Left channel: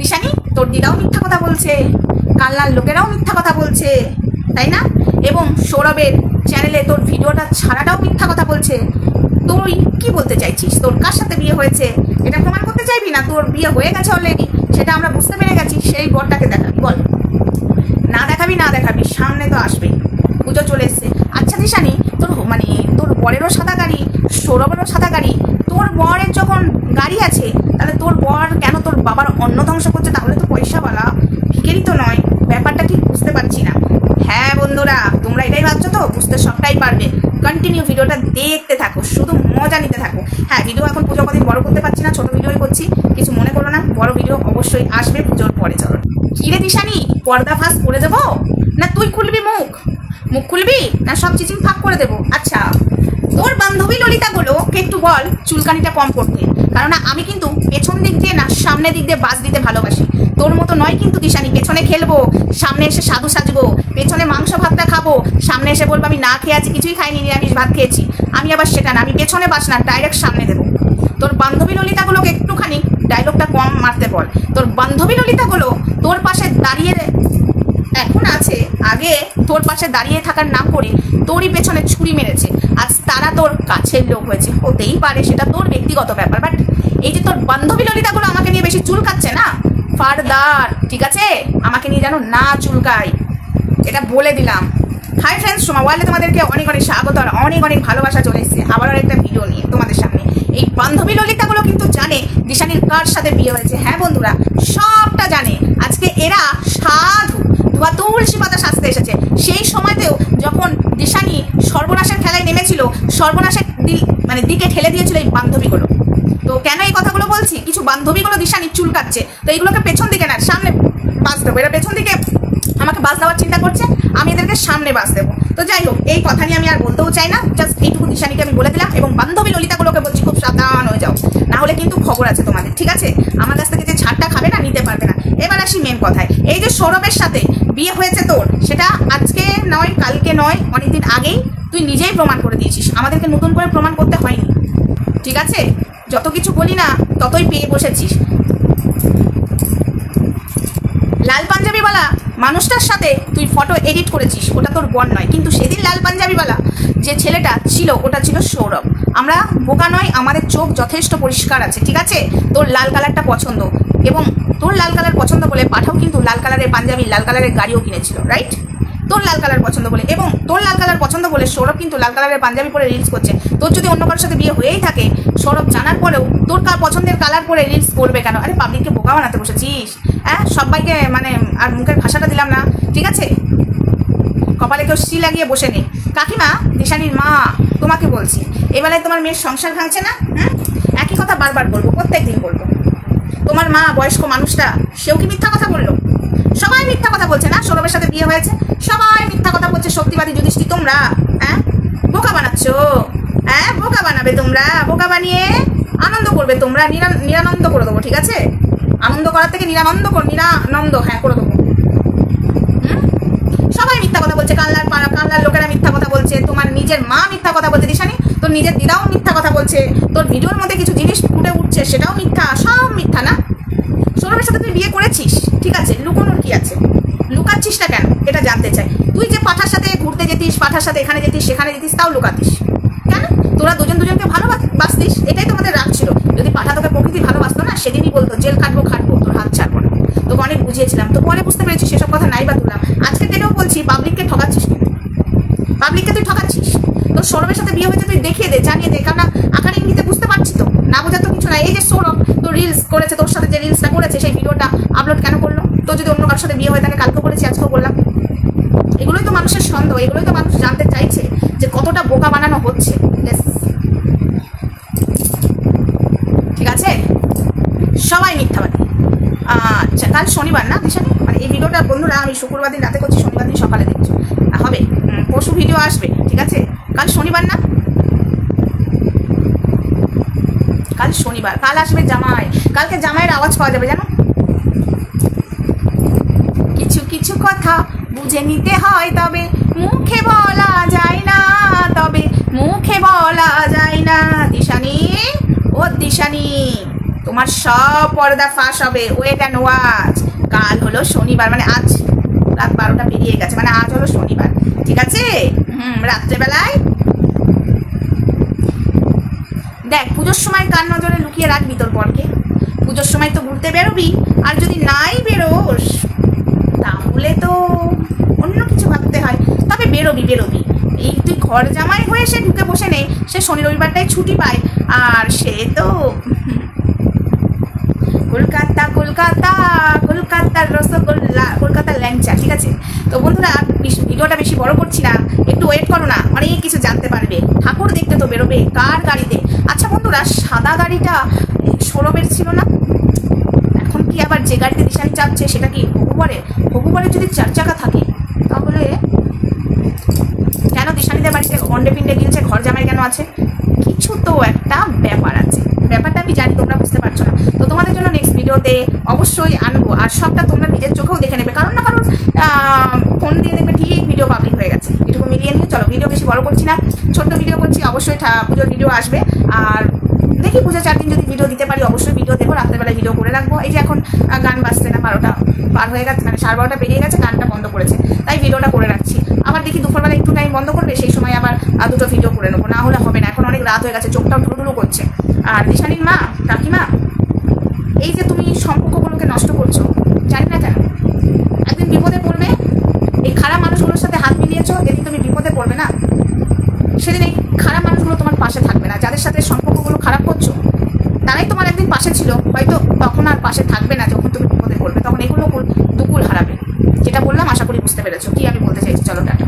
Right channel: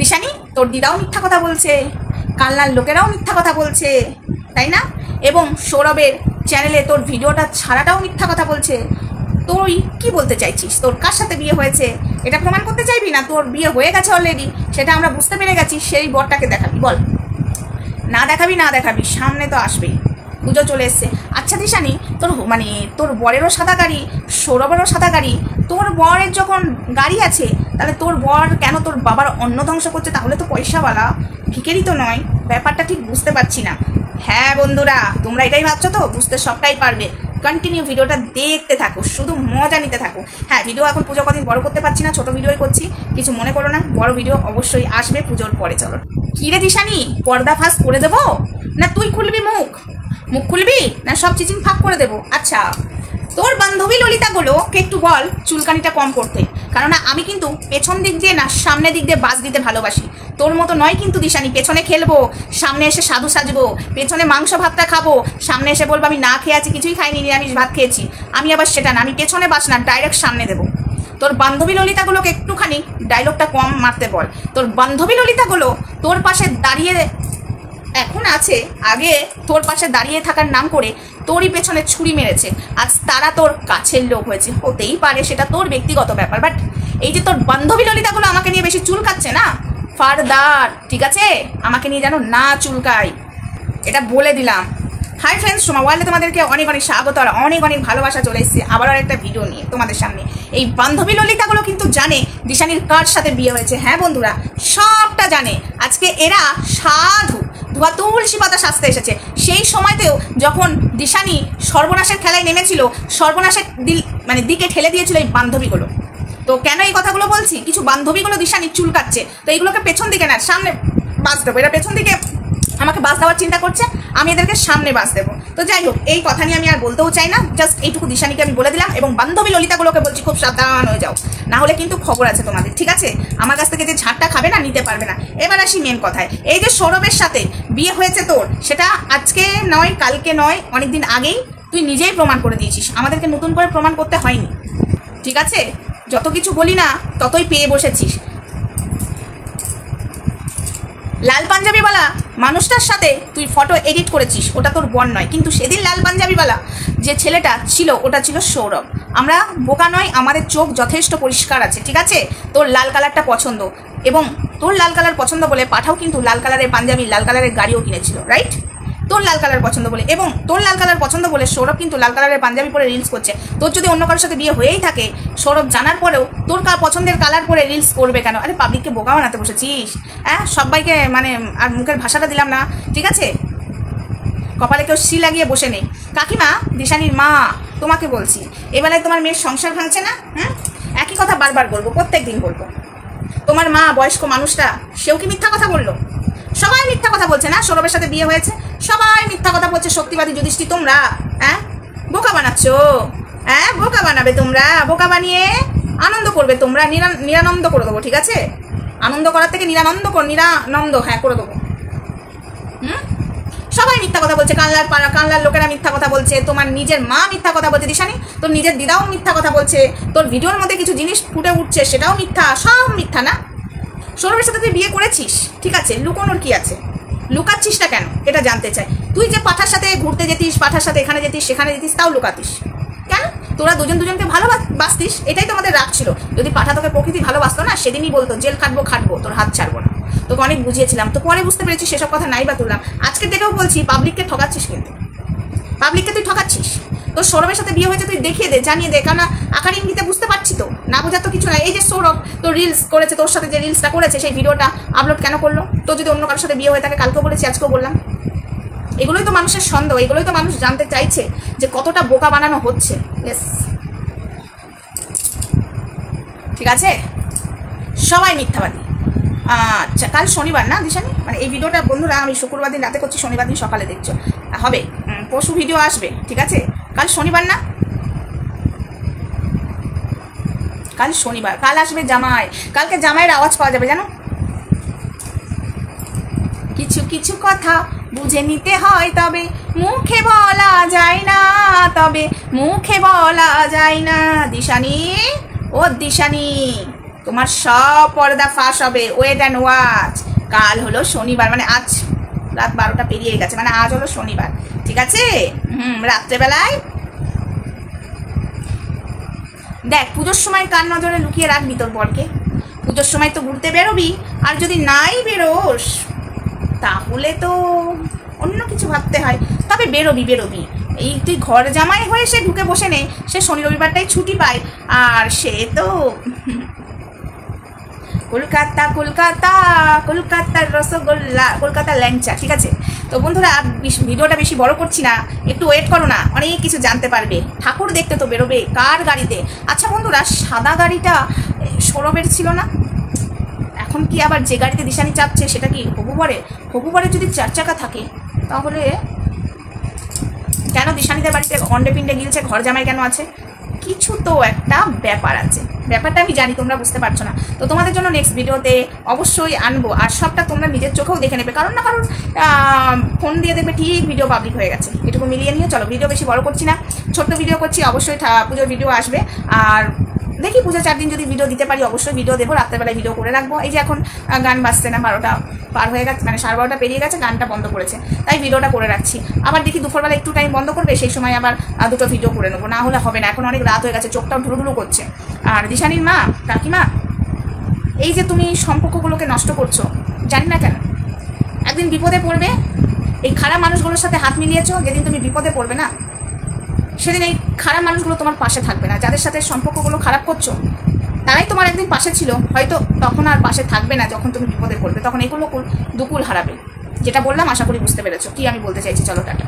দিশানি তোর দিদাও মিথ্যা কথা বলছে, কালনার লোকেরাও মিথ্যা কথা বলছে, তাই না? এবং সৌরভের চ্যানেলে তোর ভিডিওটা ছাড়াটাও মিথ্যা কথা বলছে। তুই কি বলতে চাইছিস? তোর কার সাথে বিয়ে হয়েছে এটা প্রমাণ করতে চাইবি না? তোর বিয়ে হয়ে গেছে অলরেডি, সেটা আমরা বুঝতে পেরে গেছি। সেই বরটাকে দেখাবি? বল না দেখাবি, না দেখাবি, সামনে তো আসবে, পুজো চলে এসছে। আচ্ছা দিশানি, তোর মানে তোর বরেরও সাদা গাড়ি, সৌরভেরও সাদা গাড়ি, তোর বরের যখন গাড়ি আছে তাহলে তোর বর কেন তোর বাবার অন্ন ধ্বংস করছে? তাহলে তো পয়সাওয়ালা, ভিখারি তো নয়। ব্যাপারটা ঠিক বুঝতে পারছি না। হ্যাঁ বন্ধুরা, তোমরা এটাই ভাবছো তো? বুঝতে সবটাই পারবে। কন্টিনিউ ভিডিওটা দেখতে থাকো, শুধু মজা নিতে থাকো। হ্যাঁ, ভিডিও এখন পুজো কদিন বড় করতে পারছি না, ছোট ভিডিওই করছি, কিছু মনে করো না। বড় ভিডিও অবশ্যই আসবে পুজোর পরে। চলো, কি রে দিশানি, পর্দা ফাঁস করে দেবো না তুই খুলবি মুখ? মুখ খুলবি না সব চিচিং ফাঁক করে দেবো? আচ্ছা, তোর বান্ধবী ললিতাগুলোকে একটু বল চুলকানিটা কম করতে, কারণ আমি কিন্তু পেছন দিক দিয়ে না সামনে দিক দিয়ে বাস দিতে ভালোবাসি। তোর মতো নয় কিন্তু দিশানি, পেছনে খেলবো, সামনে এসে সাধু সাজবো, পেছনে মাংস ভাতটা খাবো, সামনে এসে বলবো আমি না খেয়ে আছি, কিছুই খাইনি, নিরামিষ ভাত খেয়েছি। আমি আবার সেটা না, আমি পেছনে বাস না, ডাইরেক্ট সামনে দেবো। তোর বান্ধবী ললিতাগুলোকে একটুখানি ডায়লগটা কম মারতে বল। তোর বান্ধবী ললিতাগুলো তোর পাশে দাঁড়িয়ে এখন আছে, আগে তোর পাশে দাঁড়িয়ে থাকার নাম করে তোরই পেছনে ছুরি মেরেছে, আজ তারা তোর কাছের লোক হয়েছে। হতেই পারে, সেটা তোর ব্যক্তিগত ব্যাপার, বাট এই যে তোর বান্ধবী ললিতাগুলো আমাকে নিয়ে বেশি চুলকাচ্ছে না, ফারদার ঠিক আছে আমাকে নিয়ে যেন না চুলকাই, এটা বলে দিলাম। হাই ফ্রেন্ডস, সোমা ওয়ার্ল্ডে তোমাদেরকে অনেক অনেক স্বাগত আর অনেক অনেক ভালোবাসা। চলে এসেছে আবার একটা ভিডিও নিয়ে তোমাদের সামনে। এই বান্ধবী ললিতাগুলো কিন্তু জানে দিশানির কার সাথে বিয়ে হয়েছে। হ্যাঁ বন্ধুরা, সবটা জানে। আজকে এরা সাধু ধোয়া তুলসী পাতা সাজতে এসেছে। সেই সময়তেও যখন দিশানি সর্বনাশের খেলায় নেমেছিল, সর্বনাশের দিকে ঠেলে দিয়েছিল এই বান্ধবীগুলো। তো কেন এই কথাগুলো বলছি? কিছু বান্ধবীগুলো দিশানি চুলকাচ্ছে, তো এইগুলোকে পেছন দিকে না সামনে বাস দেবো। এরা পেছন দিকে আমাকে বাস দেওয়ার চিন্তা করছে, আমি এদেরকে সামনে বাস দেবো। তো যাই হোক, এই কথা নিয়ে আমি আর বলতেও চাই না, জাস্ট এইটুকু দিশানিকে আমি বলে দিলাম। এবং বান্ধবী ললিতাগুলোকে বলছি খুব সাবধান হয়ে যাও, না হলে কিন্তু খবর আছে তোমাদের, ঠিক আছে? আমার কাছ থেকে যে ছাড়টা খাবে না, নিতে পারবে না। এবার আসি মেন কথায়। এই যে সৌরভের সাথে বিয়ে হয়েছে তোর, সেটা আজকে নয়, কালকে নয়, অনেকদিন আগেই তুই নিজেই প্রমাণ করে দিয়েছিস, আমাদেরকে নতুন করে প্রমাণ করতে হয়নি, ঠিক আছে? যত কিছু বলি না ততই পেয়ে বসেছিস। লাল পাঞ্জাবিওয়ালা মানুষটার সাথে তুই ফটো এডিট করেছিস, ওটা তোর বর নয়, কিন্তু সেদিন লাল পাঞ্জাবিওয়ালা যে ছেলেটা ছিল ওটা ছিল সৌরভ। আমরা বোকা নয়, আমাদের চোখ যথেষ্ট পরিষ্কার আছে, ঠিক আছে? তোর লাল কালারটা পছন্দ, এবং তোর লাল কালার পছন্দ বলে পাঠাও কিন্তু লাল কালারের পাঞ্জাবি, লাল কালারের গাড়িও কিনেছিল, রাইট? তোর লাল কালার পছন্দ বলে, এবং তোর লাল কালার পছন্দ বলে সৌরভ কিন্তু লাল কালারের পাঞ্জাবি পরে রিলস করছে। তোর যদি অন্য কারোর সাথে বিয়ে হয়েই থাকে, সৌরভ জানার পরেও তোর পছন্দের কালার পরে রিলস করবে কেন? আরে পাবলিককে বোকা বানাতে বসেছিস? হ্যাঁ, সবাইকে মানে আর মুখের ভাষাটা দিলাম না, ঠিক আছে? কপালে কেউ সি লাগিয়ে বসে নেই। কাকিমা, দিশানির মা, তোমাকে বলছি, এবেলায় তোমার মেয়ের সংসার ভাঙছে না? একই কথা বারবার বলবো, প্রত্যেক দিন বলবো। তোমার মা বয়স্ক মানুষটা, সেও কি মিথ্যা কথা বললো? সবাই মিথ্যা কথা বলছে না? সৌরভের সাথে বিয়ে হয়েছে, সবাই মিথ্যা কথা বলছে। সত্যিবাদী যুধিষ্ঠি তোমরা, বোকা বানাচ্ছ। বোকা বানাবে তোমরা, বোকা বানিয়ে আনন্দ করবে তোমরা, নিরানন্দ করে দেবো, ঠিক আছে? আনন্দ করার থেকে নিরানন্দ করে দেবো। সবাই মিথ্যা কথা বলছে, কানলার লোকেরা মিথ্যা কথা বলছে, তোমার নিজের মা মিথ্যা কথা বলছে দিশানি, তোর নিজের দিদাও মিথ্যা কথা বলছে, তোর ভিডিওর মধ্যে কিছু জিনিস ফুটে উঠছে সেটাও মিথ্যা, সব মিথ্যা না? সৌরভের সাথে তুই বিয়ে করেছিস, ঠিক আছে, লুকোনোর কি আছে? লুকাচ্ছিসটা কেন এটা জানতে চাই। তুই যে পাঠার সাথে ঘুরতে যেতিস, পাঠার সাথে এখানে যেতিস সেখানে যেতিস, তাও লুকাতিস কেন? তোরা দুজনকে ভালোবাসতিস, এটাই তোমাদের রাগ ছিল। যদি পাঠা তোকে প্রকৃতি ভালোবাসতো না, সেদিনই বলতো জেল খাটবো, তোর হাত ছাড়বো না। তোকে অনেক বুঝিয়েছিলাম, তো পরে বুঝতে পেরেছি সেসব কথা নাই বা তুললাম। আজকে ডেটেও বলছি, পাবলিককে ঠকাচ্ছিস, কিন্তু পাবলিককে তুই ঠকাচ্ছিস। তোর সৌরভের সাথে বিয়ে হয়েছে, তুই দেখিয়ে দে, জানিয়ে দে, কারণ আকার ইঙ্গিতে বুঝতে পারছি তো, না বোঝার তো কিছু নাই। এই যে সৌরভ তোর রিলস করেছে, তোর সাথে যে রিলসটা করেছে সেই ভিডিওটা আপলোড কেন করলো? তোর যদি অন্য কারোর সাথে বিয়ে হয়ে থাকে, কালকেও বলেছি আজকেও বললাম, এগুলোই তো মানুষের সন্দেহ, এগুলোই তো মানুষ জানতে চাইছে যে কতটা বোকা বানানো হচ্ছে। ঠিক আছে, সবাই মিথ্যাবাদী। আচ্ছা, কাল শনিবার না দিশানি? মানে এই ভিডিওটা বন্ধুরা আমি শুক্রবার দিন রাতে করছি, শনিবার দিন সকালে দেখছো হবে, পরশু ভিডিও আসবে, ঠিক আছে? কাল শনিবার না? কাল শনিবার, কাল আসবে জামাই, কালকে জামাইয়ের আওয়াজ পাওয়া যাবে জানো? কিছু কিছু কথা বুঝে নিতে হয়, তবে মুখে বলা যায় না, দিশানি, ও দিশানি, তোমার সব পর্দা ফাঁস হবে, ওয়েট অ্যান্ড ওয়াচ। কাল হলো শনিবার, মানে আজ রাত 12টা পেরিয়ে গেছে, মানে আজ হলো শনিবার, ঠিক আছে? রাত্রেবেলায় দেখ, পুজোর সময় কার নজরে লুকিয়ে রাখবি তোর বরকে? পুজোর সময় তো ঘুরতে বেরোবি, আর যদি নাই বেরোস তাহলে তো অন্য কিছু ভাবতে হয়। তবে বেরোবি বেরোবি, এই তুই ঘর জামাই হয়ে সে ঢুকে বসে নেই, সে শনি রবিবারটাই ছুটি পায়, আর সে তো কলকাতা কলকাতা কলকাতার রসগোল্লা, কলকাতার ল্যাংচা, ঠিক আছে? তো বন্ধুরা, ভিডিওটা বেশি বড় করছি না, একটু ওয়েট করো না, অনেক কিছু জানতে পারবে। ঠাকুর দেখতে তো বেরোবে কার গাড়িতে? আচ্ছা বন্ধুরা, সাদা গাড়িটা সৌরভের ছিল না? এখন কি আবার যে গাড়িতে দিশানি চাপছে সেটা কি হবু বরের যদি 4 চাকা থাকে, তাহলে কেন দিশানিদের বাড়িতে অন্ডে পিন্ডে গিলছে, ঘর জামাই কেন আছে? কিছু তো একটা ব্যাপার আছে, ব্যাপারটা আমি জানি, তোমরা বুঝতে পারছো না। তো তোমাদের জন্য নেক্সট ভিডিওতে অবশ্যই আনবো, আর সবটা তোমরা নিজের চোখেও দেখে নেবে, কারণ না কারণ ফোন দিয়ে দেখবে ঠিক ভিডিও পাবলিক হয়ে গেছে। এটুকু মিলিয়ে নিয়ে চলো, ভিডিও বেশি বড় করছি না, ছোট্ট ভিডিও করছি। অবশ্যই পুজোর ভিডিও আসবে, আর দেখি পুজো 4 দিন যদি ভিডিও দিতে পারি অবশ্যই ভিডিও দেবো। রাত্রেবেলায় ভিডিও করে রাখবো। এই যে এখন গান বাজছে না, 12টা পার হয়ে গেছে, মানে 12:30 পেরিয়ে গেছে, গানটা বন্ধ করেছে, তাই ভিডিওটা করে রাখছি। আবার দেখি দুপুরবেলা একটু টাইম বন্ধ করবে, সেই সময় আবার 2টো ভিডিও করে নেবো, না হলে হবে না। এখন অনেক রাত হয়ে গেছে, চোখটাও ঢুলুঢুলু করছে। আর দিশানির মা, কাকিমা, এই যে তুমি সম্পর্কগুলোকে নষ্ট করছো, জানি না কেন, একদিন বিপদে পড়বে। এই খারাপ মানুষগুলোর সাথে হাত মিলিয়েছো, যেদিন তুমি বিপদে পড়বে না, সেদিন এই খারাপ মানুষগুলো তোমার পাশে থাকবে না। যাদের সাথে সম্পর্কগুলো খারাপ করছো, তারাই তোমার একদিন পাশে ছিল, হয়তো তখন আর পাশে থাকবে না। যখন তুমি বিপদে পড়বে, তখন এগুলো দুকুল হারাবে। যেটা বললাম আশা করি বুঝতে পেরেছো কি আমি বলতে চাইছি। চলো টাটা।